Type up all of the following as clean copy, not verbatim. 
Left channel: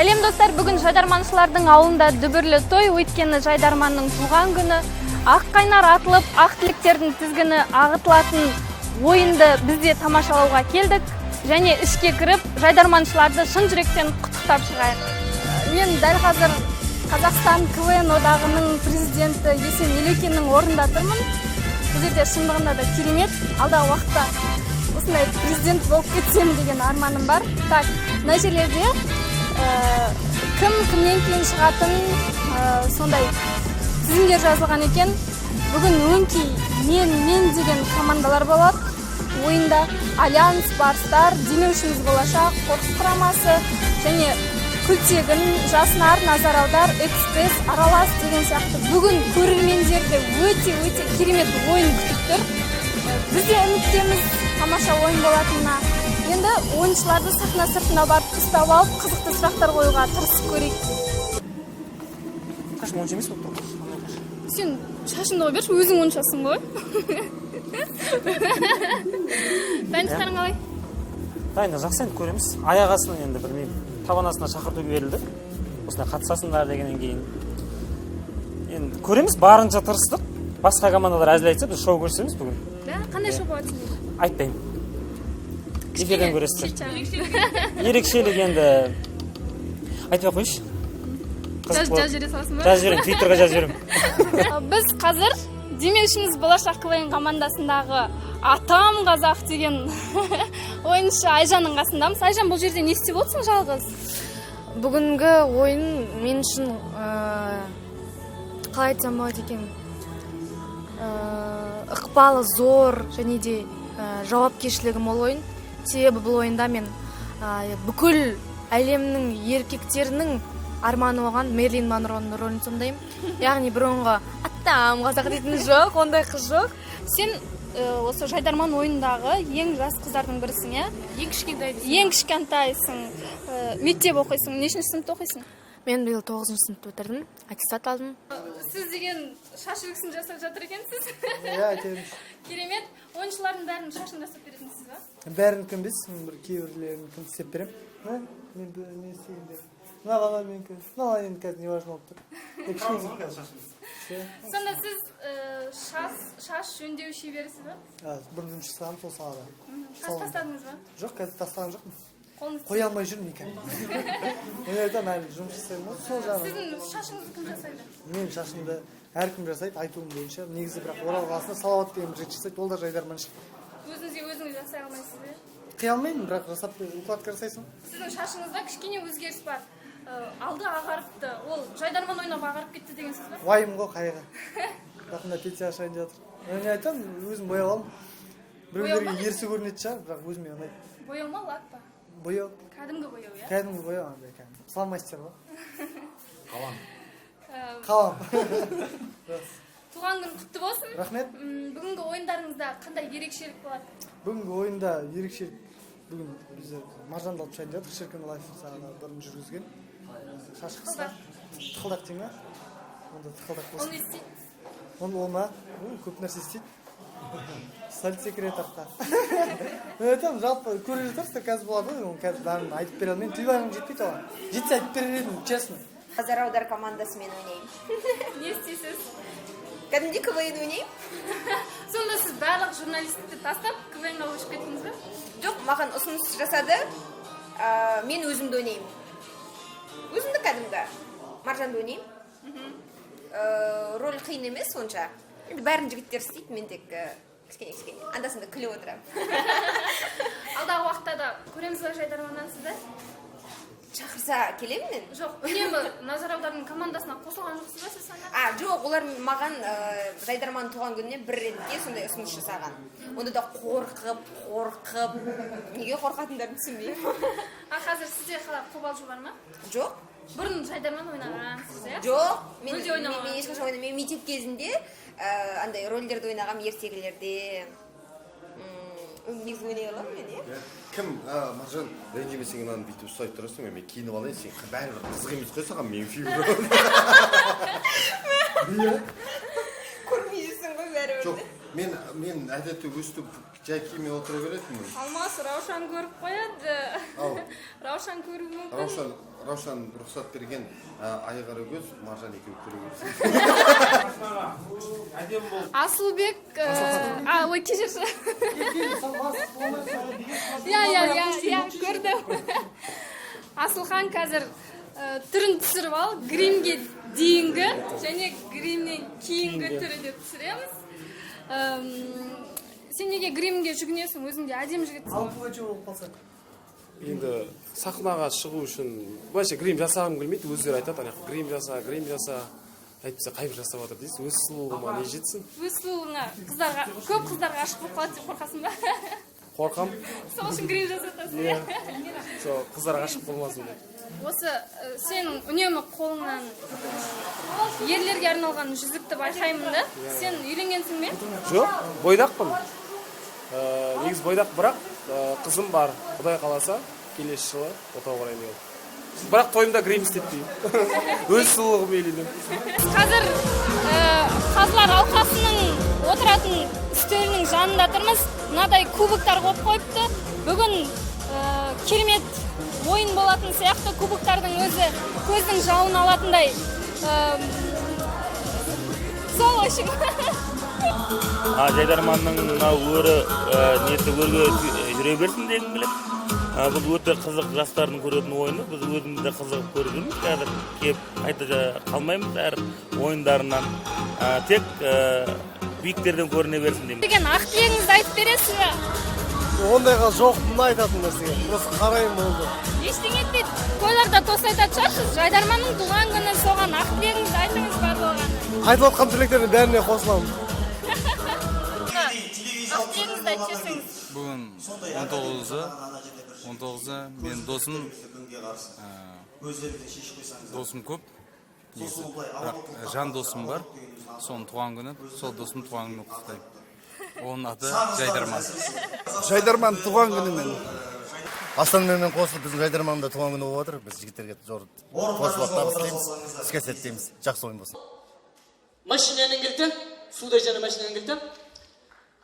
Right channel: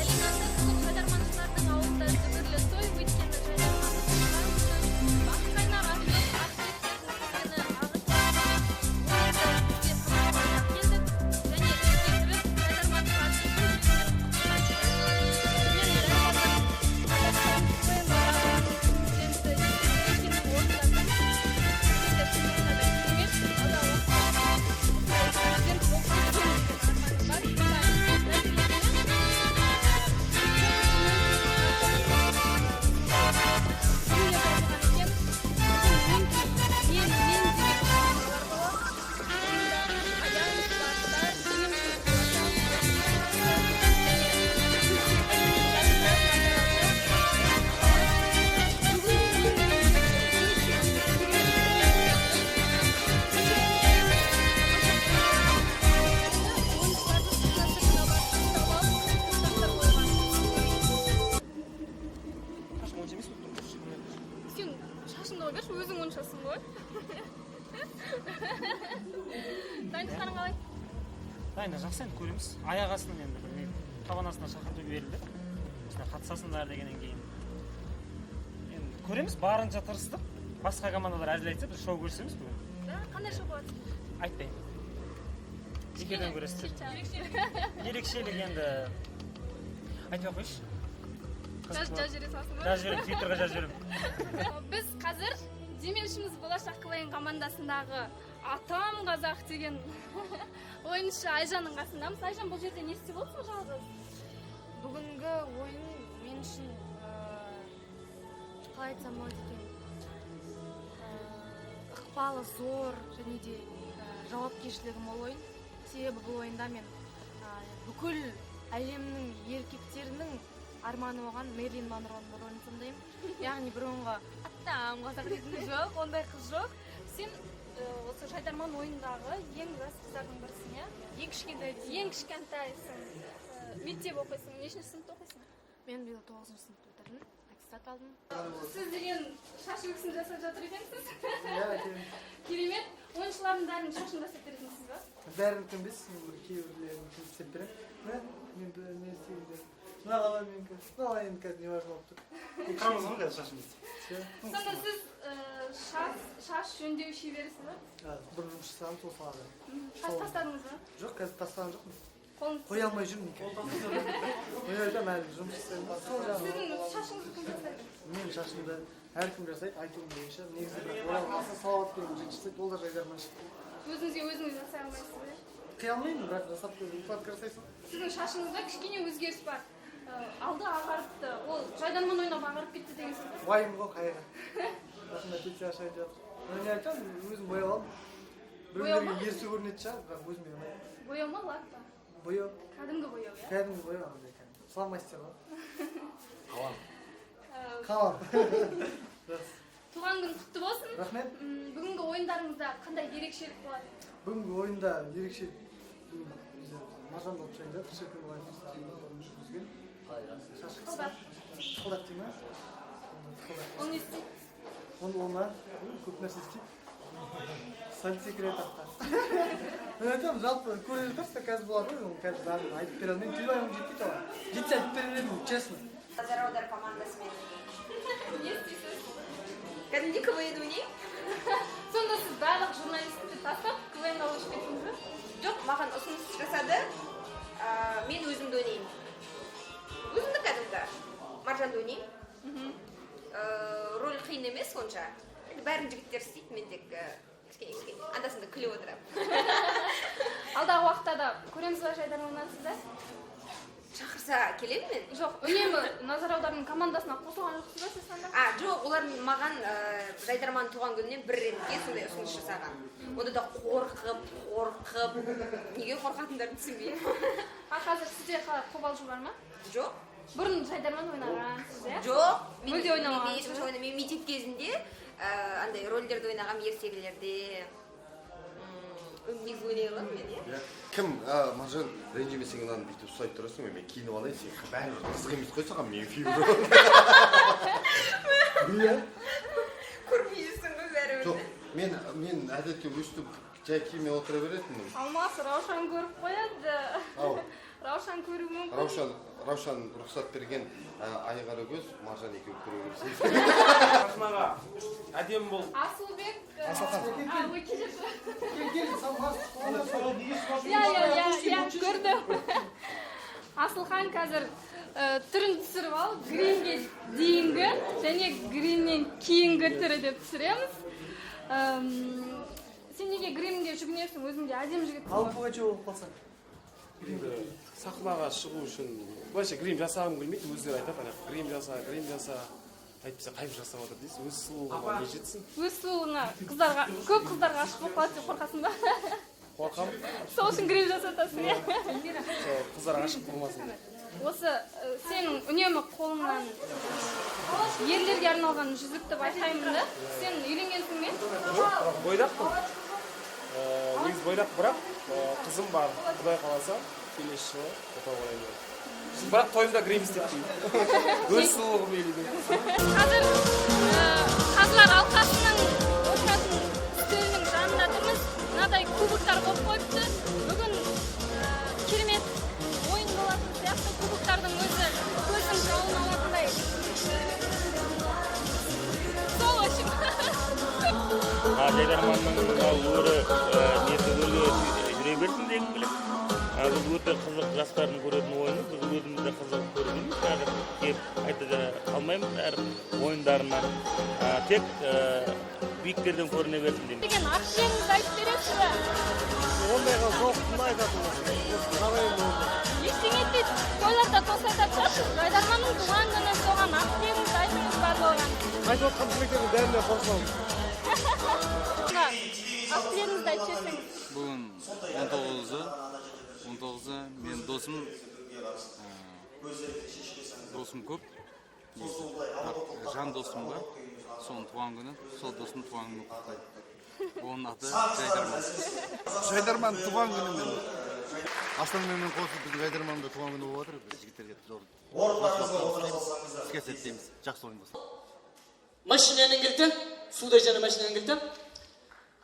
Сәлем достар, бүгін Жайдарманшылардың ауылында дүбірлі той, өйткені Жайдарманның туған күні. Ақ қайнар атылып, ақ тілектердің тізгіні ағытылатын ойынды бізде тамашалауға келдік. Және ішке кіріп, Жайдарманшыларды шын жүректен құттықтап шығайық. Мен дәл қазір Қазақстан КВН одағының президенті Есен Елекиннің орнында тұрмын. Бұл жерде шындығында да керемет. Алдағы уақытта осындай президент болып кетсем деген арманым бар. Так, мына жерлерде кім кімнен кейін шығатын сондай тізімдер жазылған екен. Бүгін өңкей мен деген командалар болады. Ойында Альянс, Барстар, Демеушіміз болашақ, Қорқыс құрамасы және Күлтегін, Жаснар, Назараудар, Экспресс, Аралас деген сияқты бүгін көрермендерді өте керемет ойын күтіп тұр. Біз де үміттеміз тамаша ойын болатынына. Енді ойыншыларды сыртына барып ұстап алып, қызықты сұрақтар қоюға тырысып көрейік. Қашын ойыншы емес болып тұр. Сен шашыңды қой берші, өзің ойыншасың ғой. Дайындықтарың қалай? Дайында жақсы енді көреміз. Аяқ астынан енді білмеймін. Табан астына шақырту берілді. Осында қатысасыңдар дегеннен кейін. Енді көреміз, барынша тырыстық. Басқа командалар әзіл айтса, біз шоу көрсеміз бүгін. Да, қандай шоу болады? Айтпаймын. Эфирден көресіздер. Ерекшелік енді айтпай қойшы. Жазып жібере саласың ба? Жазып жіберем, Твиттерға жазып жіберем. Біз қазір Демеушіміз болашақ КВН командасындағы Атам Қазақ деген ойыншы Айжанның қасындамыз. Айжан, бұл жерде не істеп отырсың жалғыз? Бүгінгі ойын мен үшін қалай айтсам болады екен, ықпалы зор және де жауапкершілігі мол ойын. Себебі бұл ойында мен бүкіл әлемнің еркектерінің арманы оған Мерлин Монроның рөлін сомдаймын. Яғни бұрынғы Атам Қазақ дейтін жоқ, ондай қыз жоқ. Сен осы Жайдарман ойындағы ең жас қыздардың бірісің, иә? Ең кішкентайсың. Мектеп оқисың, нешінші сыныпта оқисың? Мен биыл 9-шы сыныпта бітірдім, аттестат алдым. Сіз деген шаш үлгісін жасап жатыр екенсіз? Иә, айтайын. Керемет. Ойыншылардың бәрінің шашын жасап беретінсіз ба? Бәрін кім білсіз, бір кейбірлерін кім істеп берем. Мен істегенде. Мынаған менікі. Мынаған енді қазір не важно болып тұр. Сонда сіз шаш жөндеу шеберісіз ба? Бір жұмыс жасағам сол салада. Шаш тастадыңыз ба? Жоқ, қазір тастаған жоқпын. Қолыңыз Қоя алмай жүрмін екен. Өнерден әлі жұмыс жасаймын. Сіздің шашыңызды кім жасайды? Менің шашымды әркім жасайды, айтуым бойынша. Негізі бірақ Орал қаласында Салауат деген жігіт жасайды, ол да Жайдарманшы. Өзіңіз жасай алмайсыз ба? Қия алмаймын, бірақ жасап укладка жасайсың. Сіздің шашыңызда кішкене өзгеріс бар. Алды ағарыпты, ол Жайдарман ойнап ағарып кетті деген сөз ба? Уайым ғой қайғы. Рахында пенсия ашайын жатыр. Мен айтамын, өзім бояп аламын. Біреулерге ерсі көрінетін шығар, бірақ өзіме ұнайды. Бояу ма, лак па? Бояу. Кәдімгі бояу, иә? Кәдімгі бояу андай кәдімгі. Салмастер ғой. Қалам. Қалам. Туған күн құтты болсын. Рахмет. Бүгінгі ойындарыңызда қандай ерекшелік болады? Бүгінгі ойында ерекшелік. Бүгін біздер маржанды алып шайын жатыр. Шіркін лайф сағына бұрын жүргізген. Шаш қысқа. Тықылдақ дейм ба? Онда тықылдақ болсын. Оны істейді? Оны олма. Көп нәрсе істейді. Сальт секретарқа. Мен айтамын, жалпы көре жатарсыздар қазір болады ғой, қазір бәрін айтып бере алмаймын. Тілбарым жетпейді оған. Жетсе айтып берер едім, честно. Назараудар командасымен ойнаймын. Не істейсіз? Кәдімгі КВН ойнаймын. Сонда сіз барлық журналистті тастап КВН-ға көшіп кеттіңіз бе? Жоқ, маған ұсыныс жасады. Мен өзімді ойнаймын. Өзімді кәдімгі. Маржанды ойнаймын. Рөл қиын емес сонша. Енді бәрін жігіттер істейді, мен тек кішкене. Андасында күліп отырамын. Алдағы уақытта да көреміз ба Жайдарманнан сізді? Шақырса келемін мен? Жоқ, үнемі Назараударының командасына қосылған жоқсыз ба сіз сонда? Жоқ, олар маған Жайдарман туған күніне бір ретке сондай ұсыныс жасаған. Онда да қорқып, неге қорқатындарын түсінбеймін. Қазір сізде қалай қобалжу бар ма? Жоқ. Бұрын Жайдарман ойнағансыз, иә? Жоқ, мен ешқашан ойнамаймын. Мектеп кезінде андай рөлдерді ойнағам, ертегілерде. Негізі ойнай аламын мен, иә? Кім, Маржан, ренжімесең мынаны бүйтіп ұстап тұрасың, мен киініп алайын, сен бәрі қызық емес қой саған, мен фильм көрмей жүрсің ғой бәрібір. жоқ, мен әдетте өстіп жай киіммен отыра беретінмін. Алмас Раушан көріп қояды. Раушан көруі мүмкін. Раушан Раушан рұқсат берген айғары көз Маржан екеуі көреміз. Асылбек, ой, кешірші. Иә, көрдім. Асылхан қазір түрін түсіріп ал, гримге дейінгі және гримнен кейінгі түрі деп түсіреміз. Сен неге гримге жүгінесің, өзіңде әдем жігітсің? Алып қойшы болып қалса. Енді сахнаға шығу үшін былайша грим жасағым келмейді, өздері айтады, грим жаса, әйтпесе қайып жасап жатыр дейсіз, өз сұлулығыма не жетсін? Өз сұлулығына көп қыздарға ғашық болып қалады деп қорқасың ба? Қорқам. Сол үшін грим жасатасың. Сол қыздарға ғашық болмасын. Осы сенің үнемі қолыңнан ерлерге арналған жүзікті байқаймын да. Сен үйленгенсің бе? Жоқ, бойдақпын. Негіз бойдақ, бірақ қызым бар, Құдай қаласа, келесі жылы отау ораймын. Бірақ тойымда грим істеппін. Өз сұлулығым үйленем. Қазір қазылар алқасының отыратын үстелінің жанында тұрмыз. Мынадай кубоктар қойып қойыпты. Бүгін керемет ойын болатын сияқты, кубоктардың өзі көздің жауын алатындай. Сол үшін. Жайдарманның өрі неті өрге жүре берсін дегім келем. Бұл өте қызық жастардың көретін ойыны. Біз өзіміз де қызығып көріп қазір кеп қайта қалмаймыз әр ойындарынан. Тек биіктерден көріне берсін деймін. Деген ақ тілегіңізді айтып бересіз бе? Ондайға жоқтығын айтатын нәрсеге. Просто қараймын болды. Ештеңе етпейді. Тойларда тост айтатын шығарсыз. Жайдарманның туған күні соған ақ тілегіңізді айтыңыз барлығына. Айтып отқан тілектердің бәріне қосыламын. Ақ тілегіңізді айтып жіберсеңіз. Бүгін 19-ы мен досым көп. Жан досым бар. Соның туған күні, сол досым туған күні құттықтаймын. Оның аты Жайдарман. Жайдарман туған күнімен. Астанамен қосылып біздің Жайдарманда туған күні болып отыр. Біз жігіттерге қосылып табыс тілейміз. Іске сәттейміз. Жақсы ойын болсын. Машинаның кілті, суда жана машинаның кілті.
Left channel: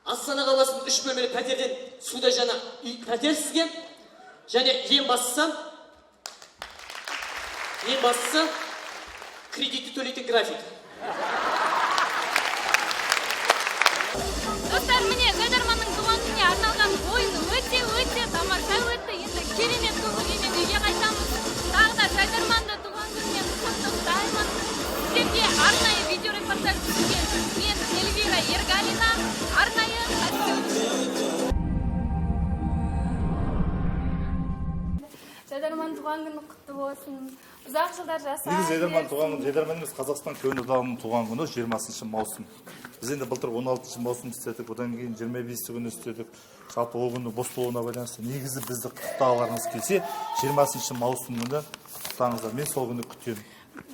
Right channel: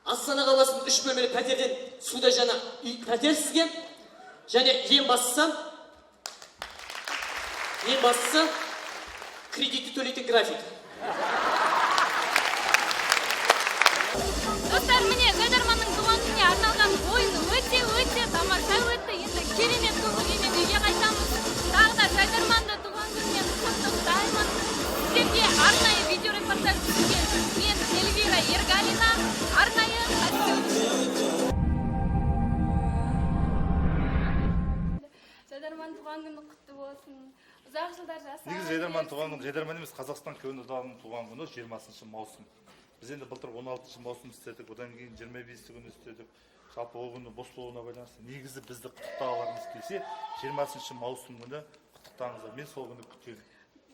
Астана қаласының 3 бөлмелі пәтерден суда жана пәтер сізге. Және ең бастысы кредитті төлейтін график. Достар, міне Жайдарманның туған күніне арналған ойын өте тамаша өтті. Енді керемет көңілмен үйге қайтамыз. Тағы да Жайдарманды туған күнімен құттықтаймын. Сіздерге арнайы видеорепортаж түсірген мен Эльвира Ергалина. Арнайы Жайдарман туған күні құтты болсын. Ұзақ жылдар жаса. Негізі Жайдарман туған күні, Жайдарман емес, Қазақстан көнді дауының туған күні 20 маусым. Біз енді былтыр 16 маусым істедік, одан кейін 25 күні істедік. Жалпы ол күні бос болуына байланысты. Негізі бізді құттықтағыларыңыз келсе, 20 маусым күні құттықтаңыздар. Мен сол күні күтемін.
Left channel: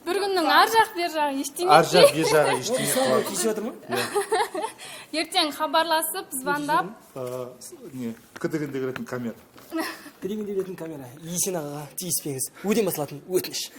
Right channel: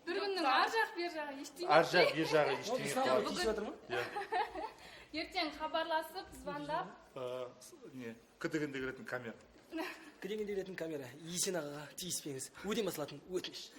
Бір күннің ар жақ бер жағы ештеңе. Ар жақ бер жағы ештеңе. Соңғы кешіп жатыр ма? Ертең хабарласып, звондап. Кідігінде келетін камера. Кірегенде беретін камера. Есен ағаға тиіспеңіз. Өден басылатын өтініш.